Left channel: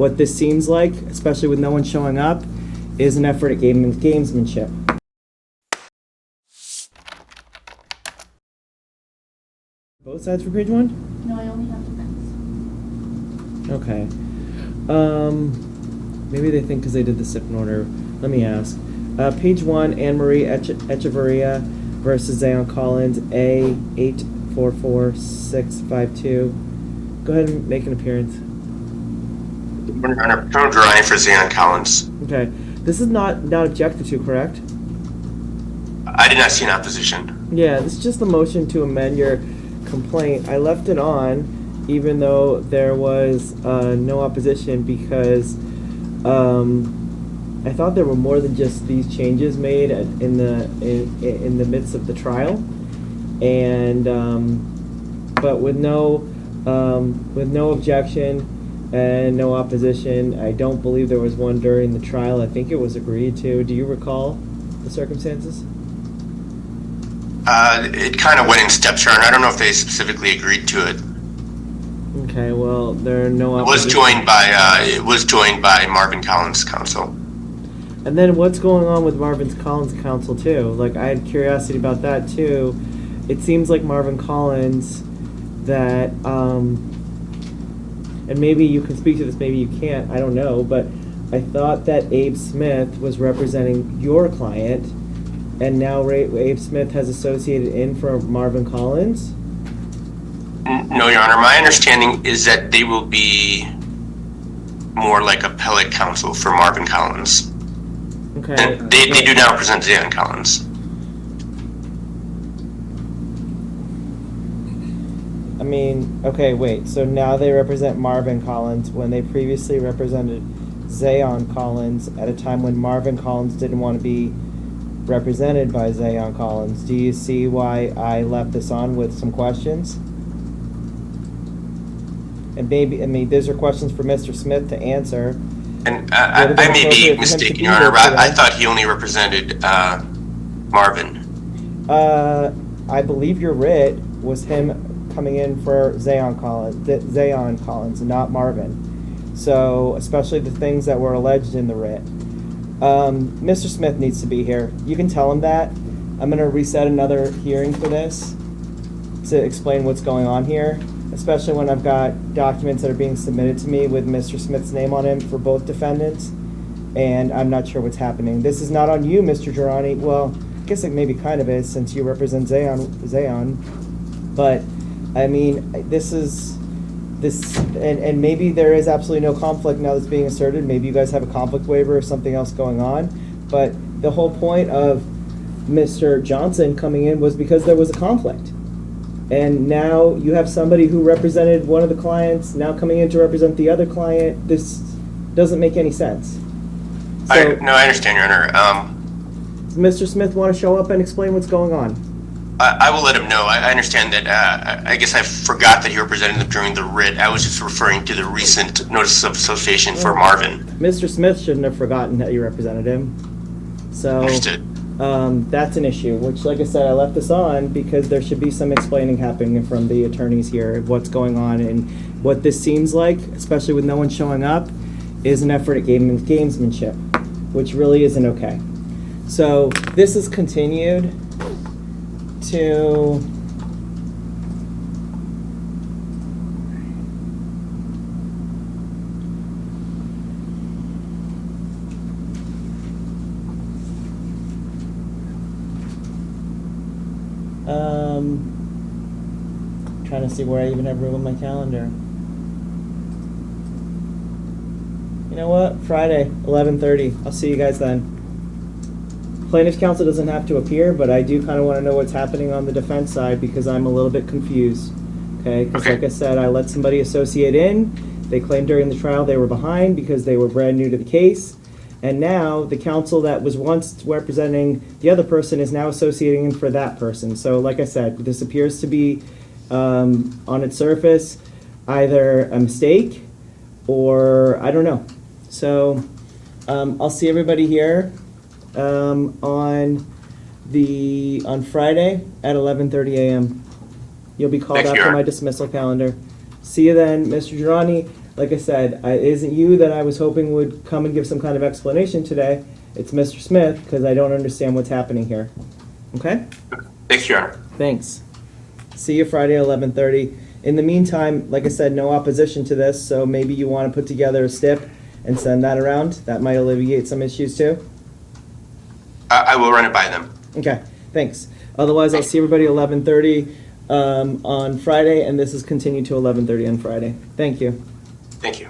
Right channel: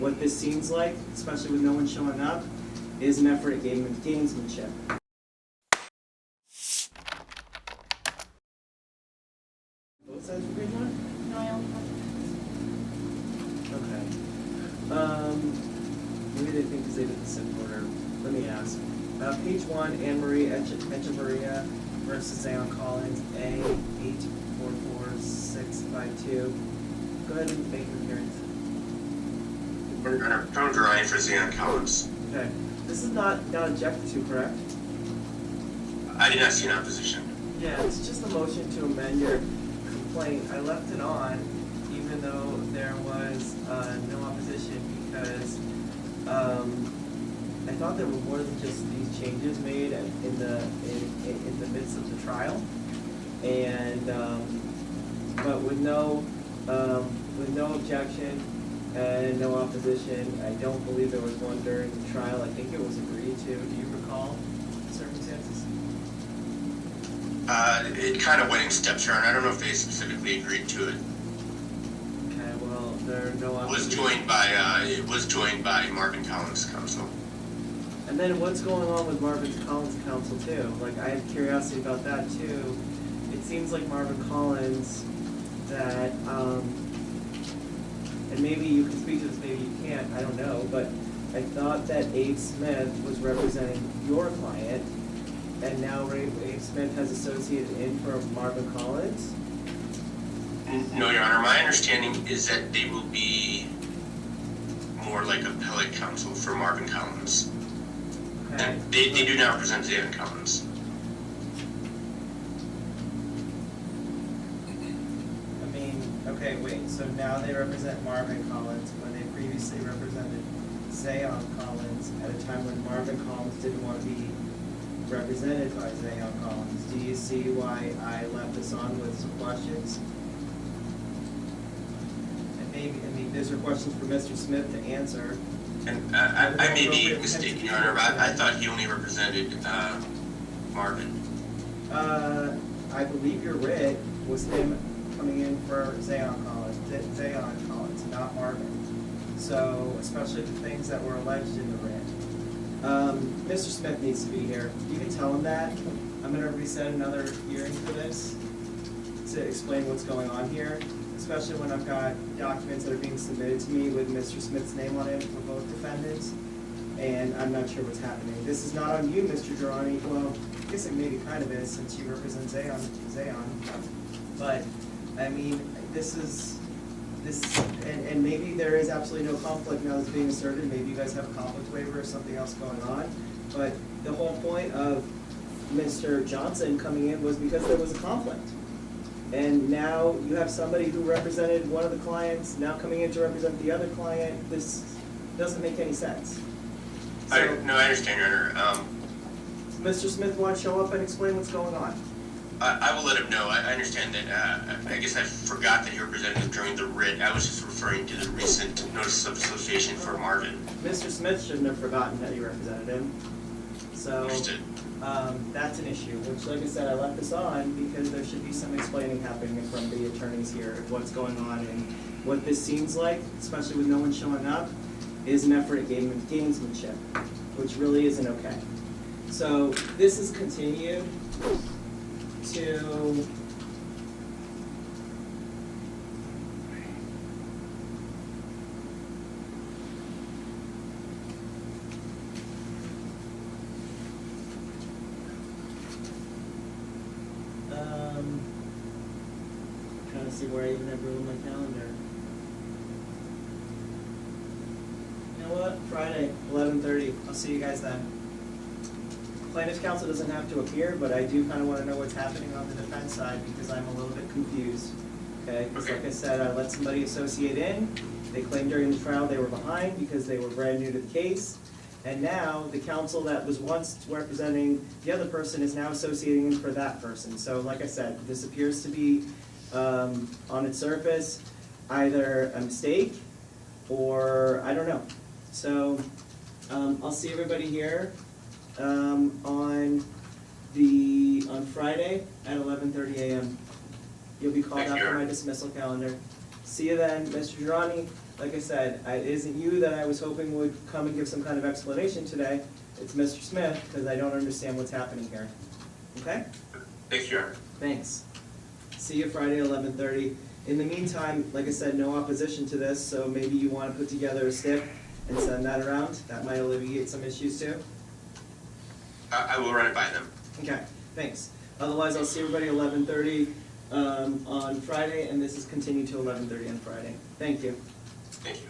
what this seems like, especially with no one showing up, is an effort at gamesmanship. Both sides for page one? No, I only have the facts. Okay. Maybe they think because they did the SIP in order. Let me ask. Page one, Anne Marie Echevarria versus Zaon Collins, A844652. Go ahead and make an appearance. Paterno Jurani for Zaon Collins. Okay. This is not objected to, correct? I did not see an opposition. Yeah, it's just a motion to amend your complaint. I left it on even though there was no opposition because I thought there were more than just these changes made in the midst of the trial, and but with no objection and no opposition. I don't believe there was one during the trial. I think it was agreed to. Do you recall the circumstances? It kind of went in steps, Your Honor. I don't know if they specifically agreed to it. Okay, well, there are no It opposition. was joined by Marvin Collins' counsel. And then what's going on with Marvin Collins' counsel too? Like, I had curiosity about that too. It seems like Marvin Collins that, and maybe you can speak to this, maybe you can't, I don't know, but I thought that Abe Smith was representing your client, and now Abe Smith has associated in for Marvin Collins? No, Your Honor. My understanding is that they will be more like appellate counsel for Marvin Collins. Okay. And they do not represent Zaon Collins. I mean, okay, wait. So now they represent Marvin Collins when they previously represented Zaon Collins at a time when Marvin Collins didn't want to be represented by Zaon Collins. Do you see why I left this on with some questions? And maybe, I mean, these are questions for Mr. Smith to answer. And I may be mistaken, Your Honor, but I thought he only represented Marvin. I believe your writ was him coming in for Zaon Collins, and not Marvin. So, especially the things that were alleged in the writ. Mr. Smith needs to be here. You can tell him that. I'm going to reset another hearing for this to explain what's going on here, especially when I've got documents that are being submitted to me with Mr. Smith's name on it for both defendants, and I'm not sure what's happening. This is not on you, Mr. Jurani. Well, I guess it maybe kind of is since you represent Zaon. But, I mean, and maybe there is absolutely no conflict now that's being asserted. Maybe you guys have a conflict waiver or something else going on. But the whole point of Mr. Johnson coming in was because there was a conflict. And now you have somebody who represented one of the clients now coming in to represent the other client. This doesn't make any sense. So, I understand, Your Honor. does Mr. Smith want to show up and explain what's going on? I will let him know. I understand that. I guess I forgot that he represented them during the writ. I was just referring to the recent notice of association for Marvin. Mr. Smith shouldn't have forgotten that you represented him. So Understood. That's an issue, which, like I said, I left this on because there should be some explaining happening from the attorneys here of what's going on, and what this seems like, especially with no one showing up, is an effort at gamesmanship, which really isn't okay. So this is continued to trying to see where I even have room in my calendar. You know what? Friday, 11:30. I'll see you guys then. Plaintiff's counsel doesn't have to appear, but I do kind of want to know what's happening on the defense side because I'm a little bit confused. Okay? Because like I said, I let somebody associate in. They claimed during the trial they were behind because they were brand new to the case. And now the counsel that was once representing the other person is now associating in for that person. So like I said, this appears to be, on its surface, either a mistake or I don't know. So I'll see everybody here on Friday at 11:30 a.m. You'll be called out for my dismissal calendar. See you then, Mr. Jurani. like I said, it isn't you that I was hoping would come and give some kind of explanation today. It's Mr. Smith, because I don't understand what's happening here. Okay? Thanks, Your Honor. Thanks. See you Friday at 11:30. In the meantime, like I said, no opposition to this, so maybe you want to put together a STIP and send that around. That might alleviate some issues too. I will run it by them. Okay, thanks. Otherwise, I'll see everybody at 11:30 on Friday, and this is continued to 11:30 on Friday. Thank you. Thank you.